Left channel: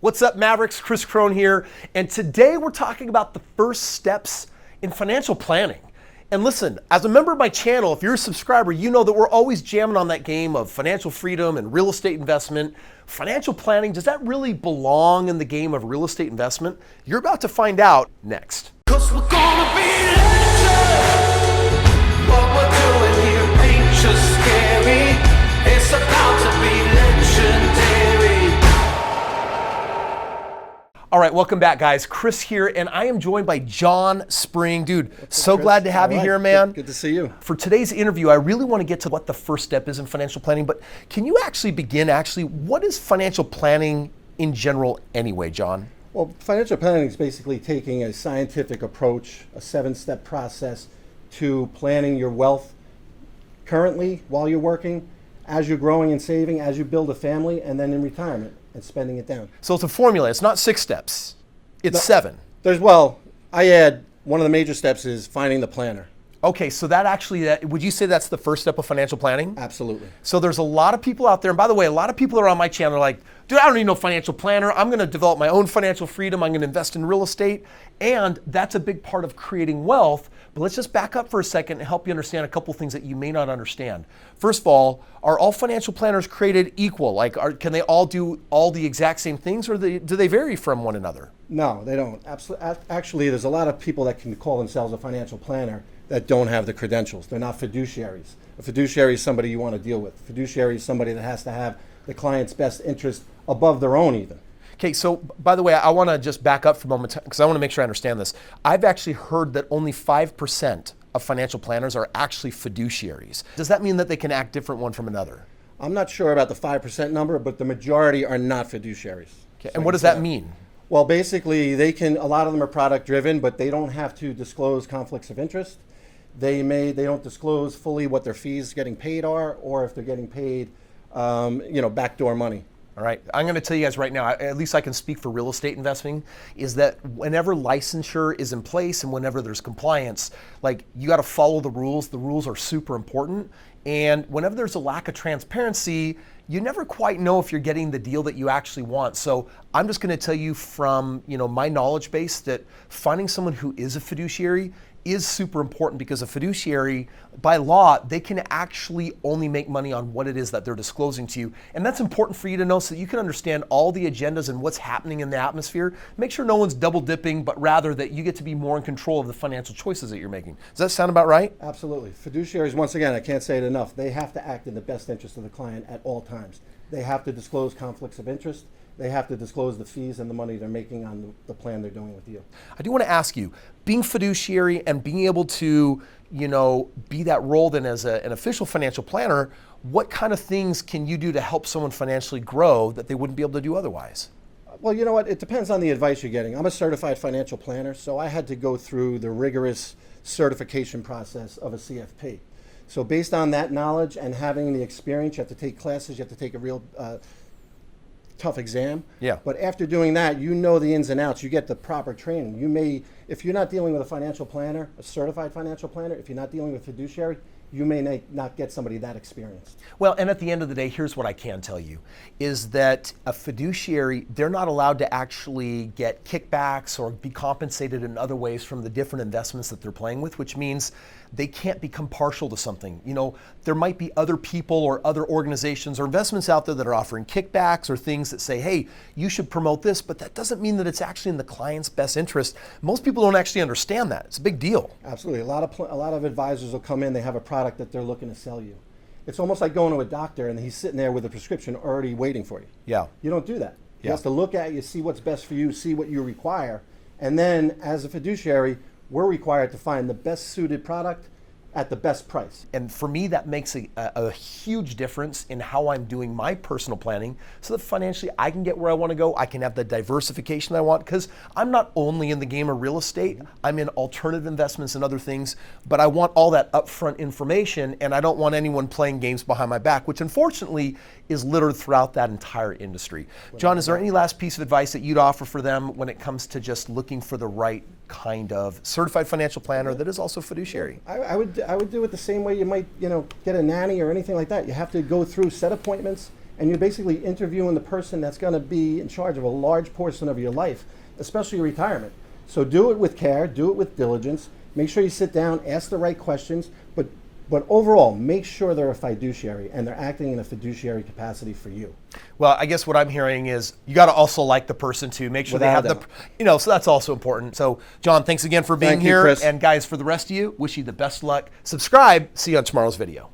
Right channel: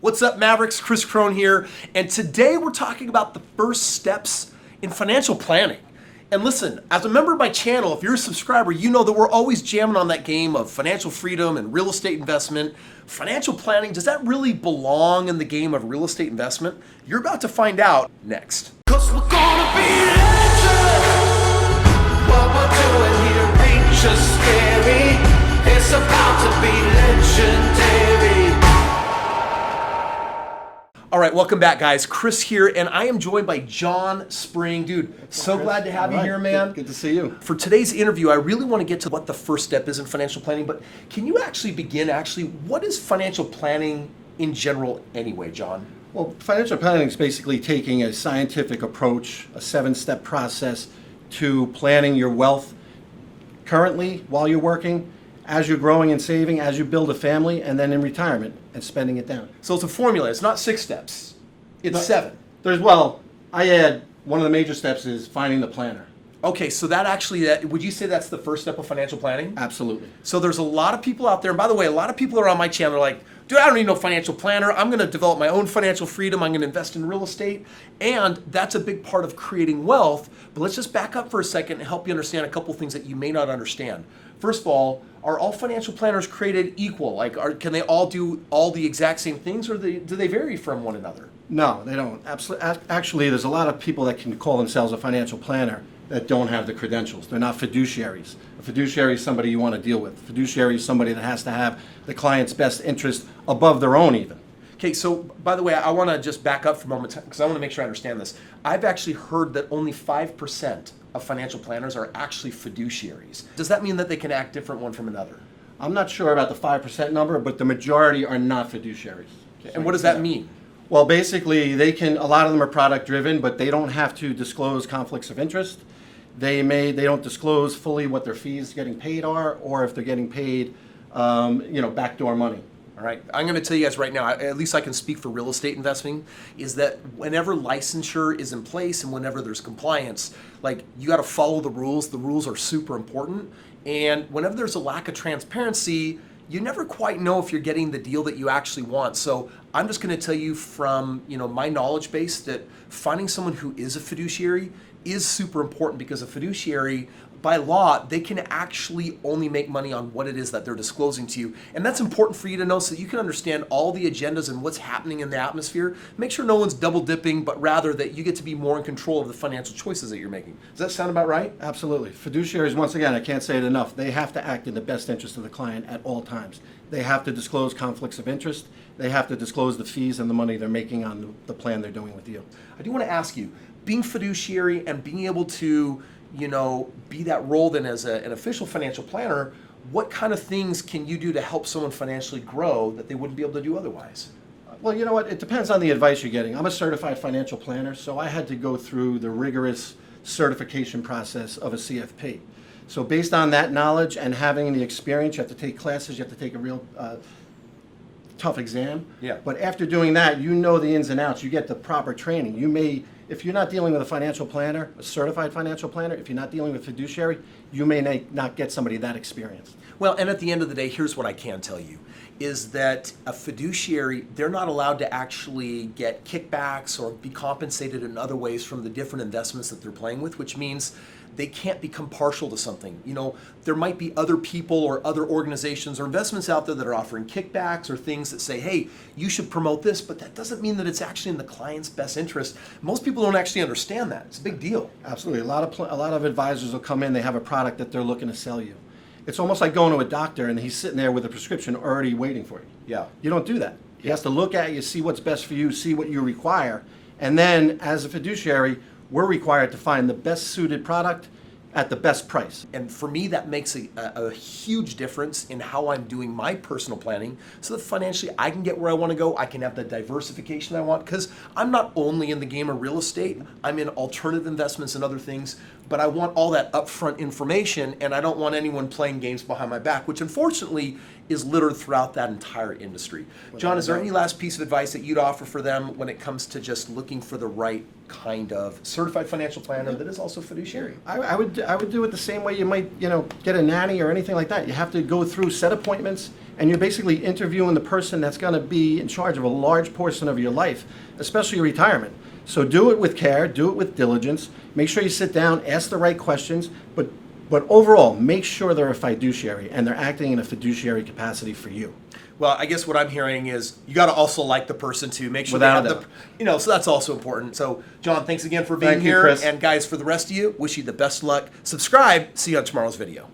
What's up, Mavericks? Kris Krohn here, and today we're talking about the first steps in financial planning. And listen, as a member of my channel, if you're a subscriber, you know that we're always jamming on that game of financial freedom and real estate investment. Financial planning, does that really belong in the game of real estate investment? You're about to find out next. 'Cause we're gonna be legends. What we're doing here ain't just scary. It's about to be legendary. All right, welcome back, guys. Kris here, and I am joined by John Spring. Dude, so glad to have you here, man. Good to see you. For today's interview, I really want to get to what the first step is in financial planning, but can you begin, what is financial planning in general anyway, John? Well, financial planning is basically taking a scientific approach, a 7-step process to planning your wealth currently while you're working, as you're growing and saving, as you build a family, and then in retirement and spending it down. So it's a formula. It's not 6 steps. It's 7. I add one of the major steps is finding the planner. Okay, so would you say that's the first step of financial planning? Absolutely. So there's a lot of people out there, and by the way, a lot of people are on my channel are like, dude, I don't need no financial planner. I'm going to develop my own financial freedom. I'm going to invest in real estate. And that's a big part of creating wealth. But let's just back up for a second and help you understand a couple things that you may not understand. First of all, are all financial planners created equal? Can they all do all the exact same things, or do they vary from one another? No, they don't. Actually, there's a lot of people that can call themselves a financial planner that don't have the credentials. They're not fiduciaries. A fiduciary is somebody you want to deal with. A fiduciary is somebody that has to have the client's best interest above their own even. Okay, so by the way, I want to just back up for a moment because I want to make sure I understand this. I've actually heard that only 5% of financial planners are actually fiduciaries. Does that mean that they can act different one from another? I'm not sure about the 5% number, but the majority are not fiduciaries. Okay, and what does that mean? Well, basically, a lot of them are product driven, but they don't have to disclose conflicts of interest. They don't disclose fully what their fees getting paid are, or if they're getting paid, backdoor money. All right, I'm going to tell you guys right now, at least I can speak for real estate investing, is that whenever licensure is in place and whenever there's compliance, you got to follow the rules. The rules are super important. And whenever there's a lack of transparency, you never quite know if you're getting the deal that you actually want. So I'm just going to tell you from my knowledge base that finding someone who is a fiduciary is super important, because a fiduciary, by law, they can actually only make money on what it is that they're disclosing to you. And that's important for you to know so that you can understand all the agendas and what's happening in the atmosphere. Make sure no one's double dipping, but rather that you get to be more in control of the financial choices that you're making. Does that sound about right? Absolutely. Fiduciaries, once again, I can't say it enough, they have to act in the best interest of the client at all times. They have to disclose conflicts of interest. They have to disclose the fees and the money they're making on the plan they're doing with you. I do want to ask you, being fiduciary and being able to be that role then as an official financial planner, what kind of things can you do to help someone financially grow that they wouldn't be able to do otherwise? Well, you know what? It depends on the advice you're getting. I'm a certified financial planner, so I had to go through the rigorous certification process of a CFP. So based on that knowledge and having the experience, you have to take classes, you have to take a real tough exam. Yeah. But after doing that, you know the ins and outs. You get the proper training. If you're not dealing with a financial planner, a certified financial planner, if you're not dealing with fiduciary, you may not get somebody that experienced. Well, and at the end of the day, here's what I can tell you, is that a fiduciary, they're not allowed to actually get kickbacks or be compensated in other ways from the different investments that they're playing with, which means they can't become partial to something. There might be other people or other organizations or investments out there that are offering kickbacks or things that say, hey, you should promote this, but that doesn't mean that it's actually in the client's best interest. Most people don't actually understand that. It's a big deal. Absolutely. A lot of advisors will come in, they have a product that they're looking to sell you. It's almost like going to a doctor and he's sitting there with a prescription already waiting for you. Yeah. You don't do that. He has to look at you, see what's best for you, see what you require. And then as a fiduciary, we're required to find the best suited product at the best price. And for me, that makes a huge difference in how I'm doing my personal planning so that financially I can get where I want to go. I can have the diversification I want, because I'm not only in the game of real estate, I'm in alternative investments and other things, but I want all that upfront information, and I don't want anyone playing games behind my back, which unfortunately is littered throughout that entire industry. John, is there any last piece of advice that you'd offer for them when it comes to just looking for the right kind of certified financial planner that is also fiduciary? I would do it the same way you might get a nanny or anything like that. You have to go through set appointments and you're basically interviewing the person that's going to be in charge of a large portion of your life, especially retirement. So do it with care, do it with diligence. Make sure you sit down, ask the right questions, but overall, make sure they're a fiduciary and they're acting in a fiduciary capacity for you. Well, I guess what I'm hearing is you got to also like the person too. Make sure Without they a have doubt. so that's also important. So, John, thanks again for being Thank you, here. Kris. And guys, for the rest of you, wish you the best luck. Subscribe. See you on tomorrow's video.